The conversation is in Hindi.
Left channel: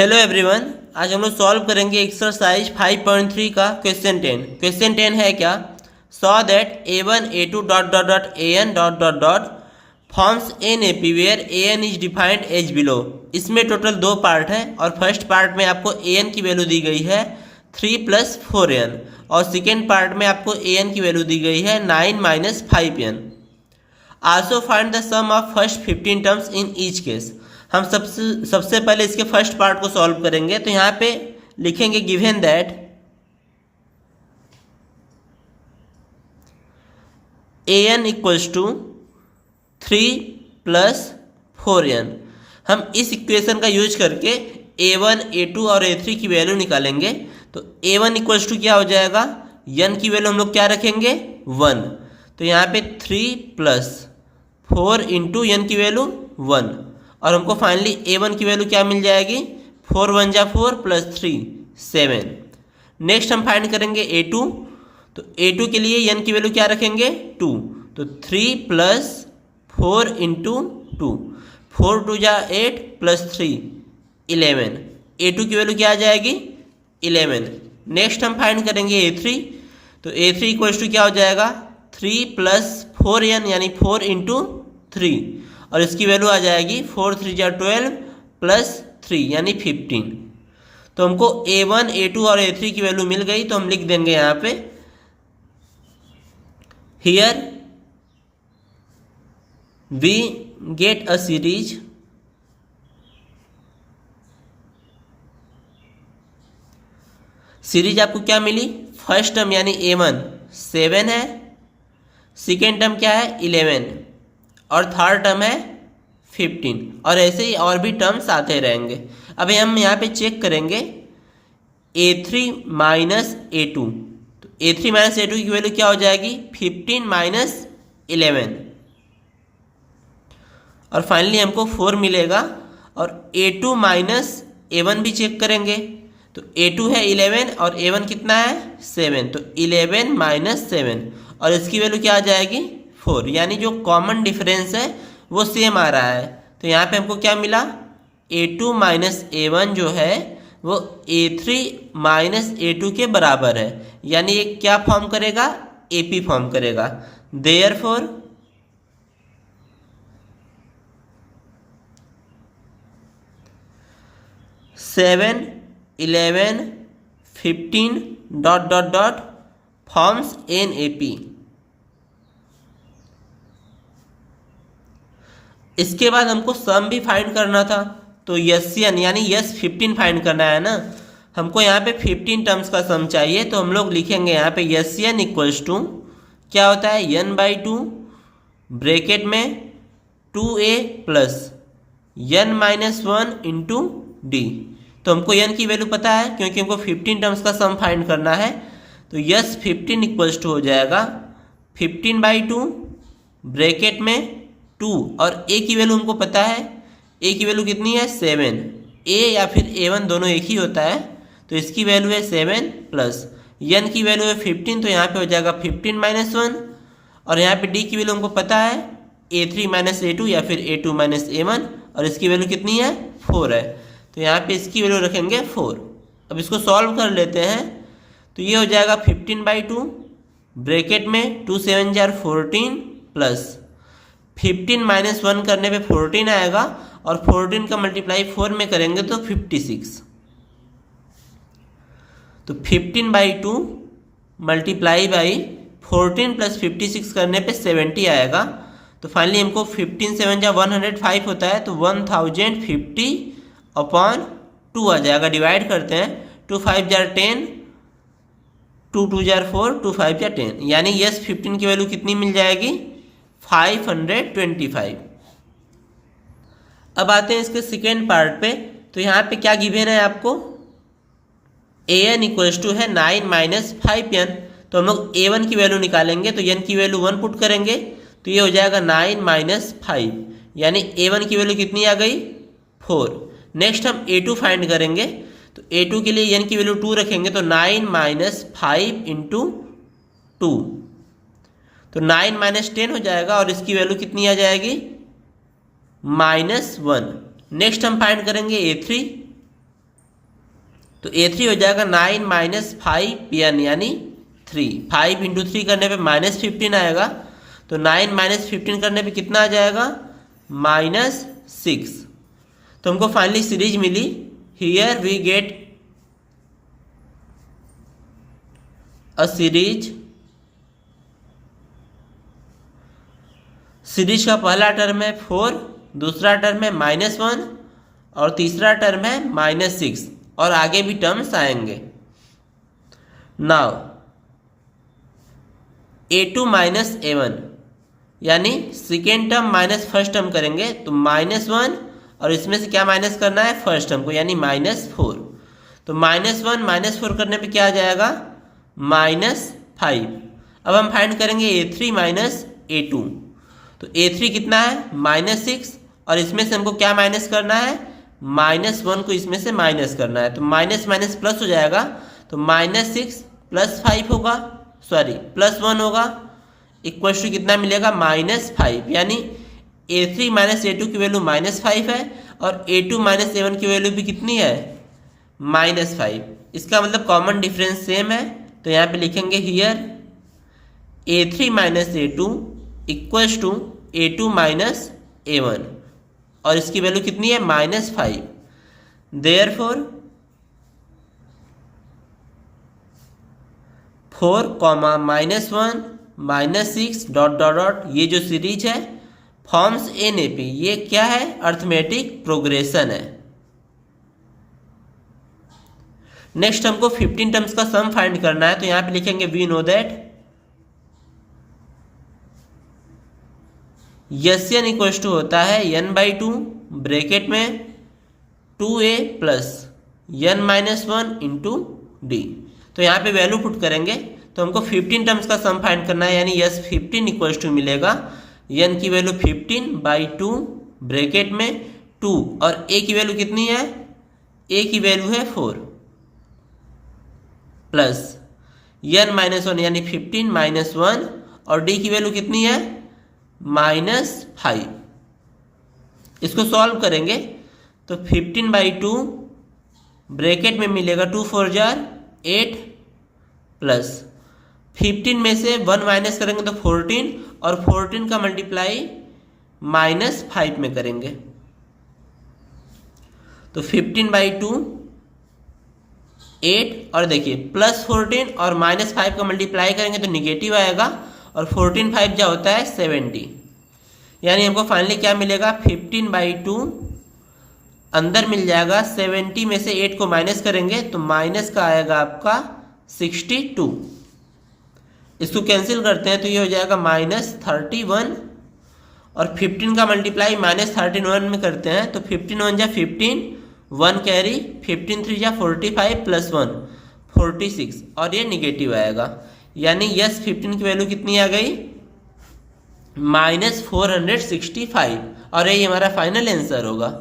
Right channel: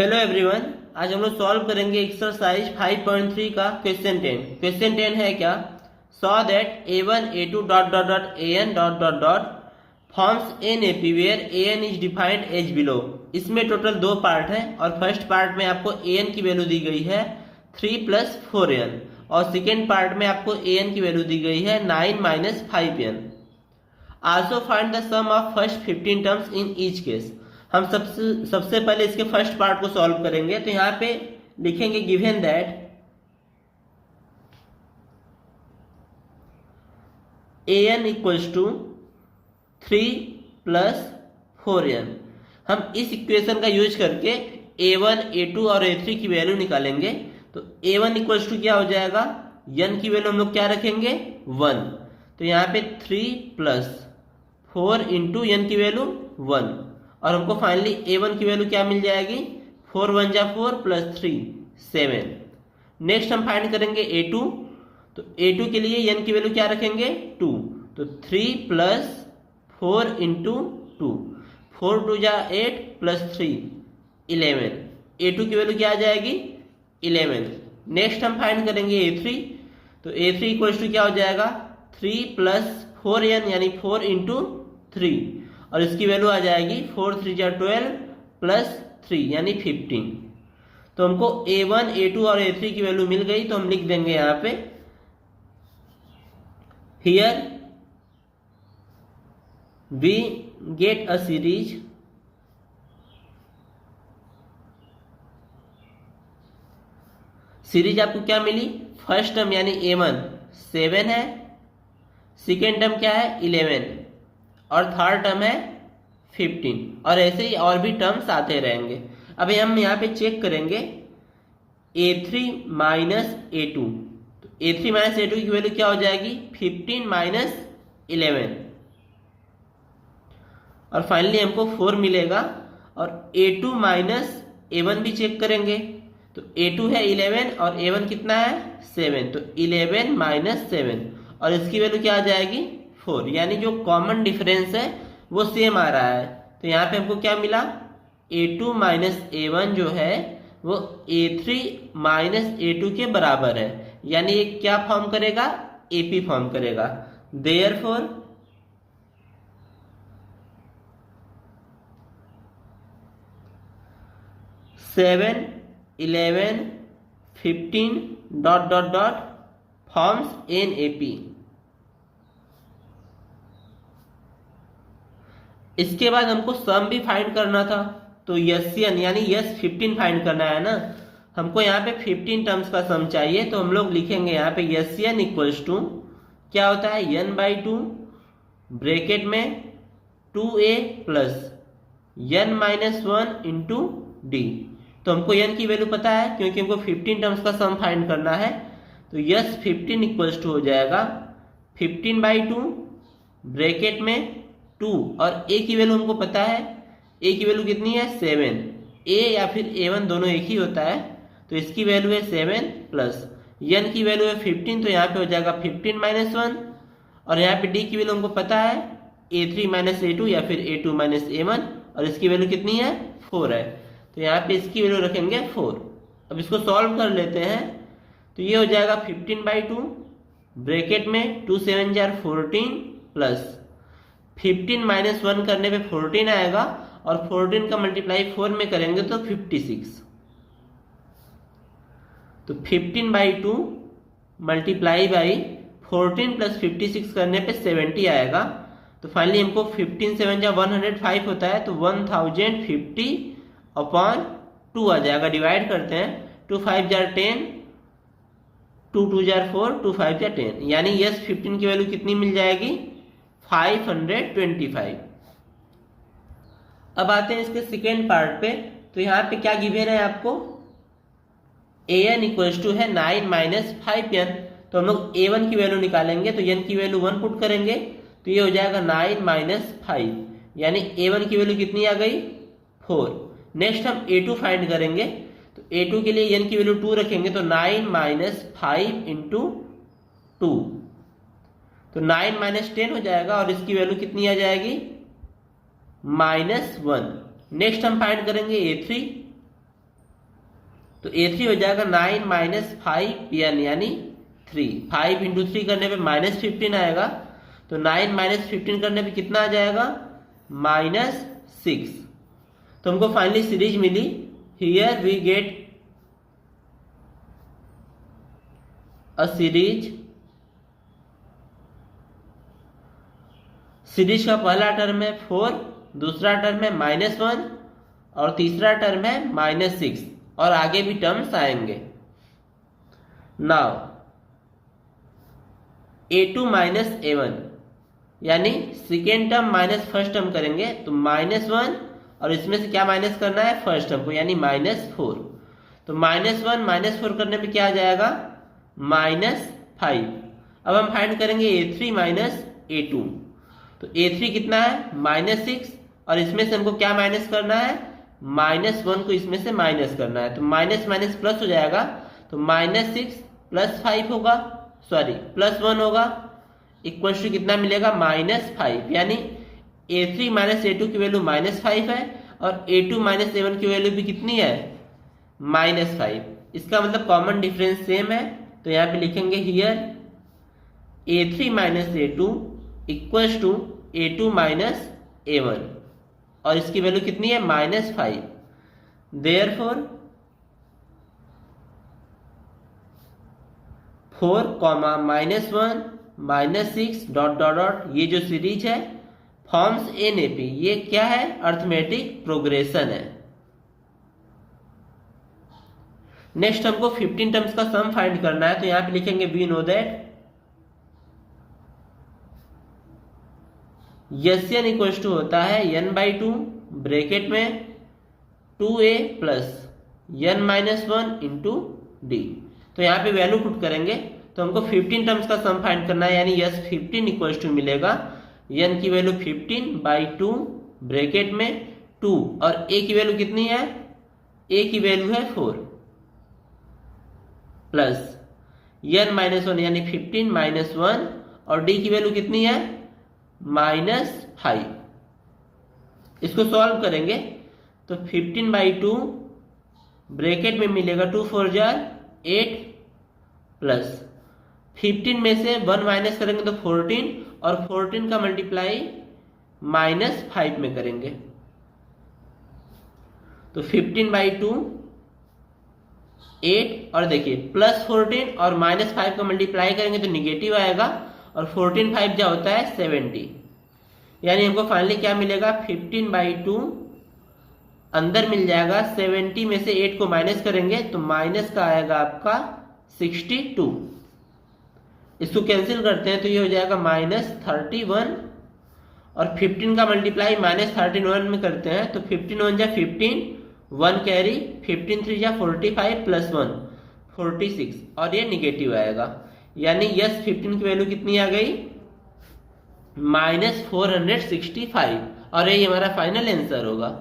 हेलो एवरीवन, आज हम लोग सॉल्व करेंगे एक्सरसाइज 5.3 का क्वेश्चन 10। क्वेश्चन 10 है क्या? So that a1 a2 dot dot dot an dot dot dot forms an A P where an is defined as below. इसमें टोटल दो पार्ट है और फर्स्ट पार्ट में आपको an की वैल्यू दी गई है 3 + 4n और सेकेंड पार्ट में आपको an की वैल्यू दी गई है 9 - 5n। Also find the sum of first 15 terms in each case. हम सबसे पहले इसके फर्स्ट पार्ट को सॉल्व करेंगे। तो यहाँ पे लिखेंगे given that an equals to 3 + 4n। हम इस इक्वेशन का यूज करके a1 a2 और a3 की वैल्यू निकालेंगे। तो a1 इक्वल्स टू क्या हो जाएगा, n की वैल्यू हम लोग क्या रखेंगे 1। तो यहाँ पे 3 + 4 × n की वैल्यू 1 और हमको फाइनली a1 की वैल्यू क्या मिल जाएगी 4 × 1 = 4 + 3 7। नेक्स्ट हम फाइंड करेंगे a2। तो a2 के लिए n की वैल्यू क्या रखेंगे 2। तो 3 + 4 × 2 4 × 2 = 8 + 3 11। a2 की वैल्यू क्या आ जाएगी 11। नेक्स्ट हम फाइंड करेंगे a3। तो a3 इक्वल्स टू क्या हो जाएगा 3 + 4n यानी 4 × 3 और इसकी वैल्यू आ जाएगी 4 × 3 = 12 + 3 यानी 15। तो हमको a1 a2 और a3 की वैल्यू मिल गई। तो हम लिख देंगे यहाँ पे here we get a series आपको क्या मिली, फर्स्ट टर्म यानी a1 7 है, सेकेंड टर्म क्या है 11 और थर्ड टर्म है 15 और ऐसे ही और भी टर्म्स आते रहेंगे। अभी हम यहाँ पे चेक करेंगे a3 - a2। तो a3 - a2 की वैल्यू क्या हो जाएगी 15 - 11 और फाइनली हमको 4 मिलेगा। और a2 - a1 भी चेक करेंगे। तो a2 है 11 और a1 कितना है 7। तो 11 - 7 और इसकी वैल्यू क्या आ जाएगी 4 यानी जो कॉमन डिफरेंस है वो सेम आ रहा है। तो यहाँ पे हमको क्या मिला a2 - a1 जो है वो a3 - a2 के बराबर है यानी ये क्या फॉर्म करेगा AP फॉर्म करेगा। Therefore seven 11 15 dot dot dot forms N AP। इसके बाद हमको सम भी फाइंड करना था। तो यन यानी यस 15 फाइंड करना है ना। हमको यहाँ पे 15 टर्म्स का सम चाहिए। तो हम लोग लिखेंगे यहाँ पे यन इक्वल्स टू क्या होता है n/2 ब्रैकेट में 2a + n - 1 × d। तो हमको n की वैल्यू पता है क्योंकि हमको 15 टर्म्स का सम फाइंड करना है। तो यस 15 इक्वल्स टू हो जाएगा 15/2 ब्रैकेट में 2 और a की वैल्यू हमको पता है। a की वैल्यू कितनी है 7। a या फिर a1 दोनों एक ही होता है। तो इसकी वैल्यू है 7 प्लस n की वैल्यू है 15। तो यहाँ पे हो जाएगा 15 - 1 और यहाँ पे d की वैल्यू हमको पता है a3 - a2 या फिर a2 - a1 और इसकी वैल्यू कितनी है 4 है। तो यहाँ पे इसकी वैल्यू रखेंगे 4। अब इसको सॉल्व कर लेते हैं। तो ये हो जाएगा 15/2 ब्रैकेट में 2 × 7 = 14 प्लस 15 - 1 करने पे 14 आएगा और 14 का मल्टीप्लाई 4 में करेंगे तो 56। तो 15/2 × 14 + 56 करने पे 70 आएगा। तो फाइनली हमको 15 × 7 = 105 होता है। तो 1050/2 आ जाएगा। डिवाइड करते हैं 2 × 5 = 10 2 × 2 = 4 2 × 5 = 10 यानी यस 15 की वैल्यू कितनी मिल जाएगी 525। अब आते हैं इसके सेकेंड पार्ट पे। तो यहाँ पे क्या गिवन है आपको an इक्वल्स टू है 9 - 5n। तो हम लोग a1 की वैल्यू निकालेंगे। तो n की वैल्यू 1 पुट करेंगे तो ये हो जाएगा 9 - 5 यानी a1 की वैल्यू कितनी आ गई 4। नेक्स्ट हम a2 फाइंड करेंगे। तो a2 के लिए n की वैल्यू 2 रखेंगे। तो 9 - 5 × 2 तो 9 - 10 हो जाएगा और इसकी वैल्यू कितनी आ जाएगी -1। नेक्स्ट हम फाइंड करेंगे a3। तो A3 हो जाएगा 9 माइनस 5n यानी 3। 5 इंटू 3 करने पे -15 आएगा, तो 9 माइनस 15 करने पे कितना आ जाएगा, -6। तो हमको फाइनली सीरीज मिली। Here we get a series. Series का पहला टर्म है 4, दूसरा टर्म है -1 और तीसरा टर्म है -6, और आगे भी टर्म्स आएंगे। नाउ A2 माइनस A1 यानी second term minus first term करेंगे, तो -1 और इसमें से क्या माइनस करना है, फर्स्ट टर्म को, यानी -4। तो -1 -4 करने पे क्या आ जाएगा, -5। अब हम फाइंड करेंगे A3 माइनस A2। तो A3 कितना है, -6, और इसमें से हमको क्या माइनस करना है, -1 को इसमें से माइनस करना है। तो माइनस माइनस प्लस हो जाएगा, तो -6 + 5 होगा, सॉरी +1 होगा, इक्वल टू कितना मिलेगा, -5। यानी A3 माइनस A2 की वैल्यू -5 है, और A2 माइनस A1 की वैल्यू भी कितनी है, -5। इसका मतलब कॉमन डिफरेंस सेम है, तो यहाँ पे लिखेंगे here A3 minus A2 equals to A2 minus A1, और इसकी वैल्यू कितनी है, -5। देयरफॉर 4, -1 -6 ... ये जो सीरीज है फॉर्म्स NAP। ये क्या है, अर्थमेटिक प्रोग्रेशन है। नेक्स्ट हमको 15 टर्म्स का सम फाइंड करना है, तो यहां पे लिखेंगे we know that SN equals to होता है n/2 ब्रैकेट में 2a plus n-1 into d। तो यहाँ पे वैल्यू पुट करेंगे, तो हमको 15 टर्म्स का सम फाइंड करना है, यानी S15 इक्वल्स टू मिलेगा n की वैल्यू 15/2 ब्रैकेट में 2, और a की वैल्यू कितनी है, a की वैल्यू है 4, प्लस n-1 यानी 15 - 1, और d की वैल्यू कितनी है, -5। इसको सॉल्व करेंगे, तो 15/2 ब्रैकेट में मिलेगा 2 4 जार 8, प्लस 15 में से 1 माइनस करेंगे तो 14, और 14 का मल्टीप्लाई -5 में करेंगे, तो 15/2 8, और देखिए +14 और -5 का मल्टीप्लाई करेंगे तो निगेटिव आएगा, और 14 5 क्या होता है, 70। यानी हमको फाइनली क्या मिलेगा, 15/2 अंदर मिल जाएगा, 70 में से 8 को माइनस करेंगे तो माइनस का आएगा आपका 62। इसको कैंसिल करते हैं तो ये हो जाएगा -31, और 15 का मल्टीप्लाई -31 में करते हैं तो 15 1 जा 15, 1 कैरी, 15 3 जा 45 + 1 46, और ये निगेटिव आएगा। यानी S15 की वैल्यू कितनी आ गई, -465, और यही हमारा फाइनल आंसर होगा।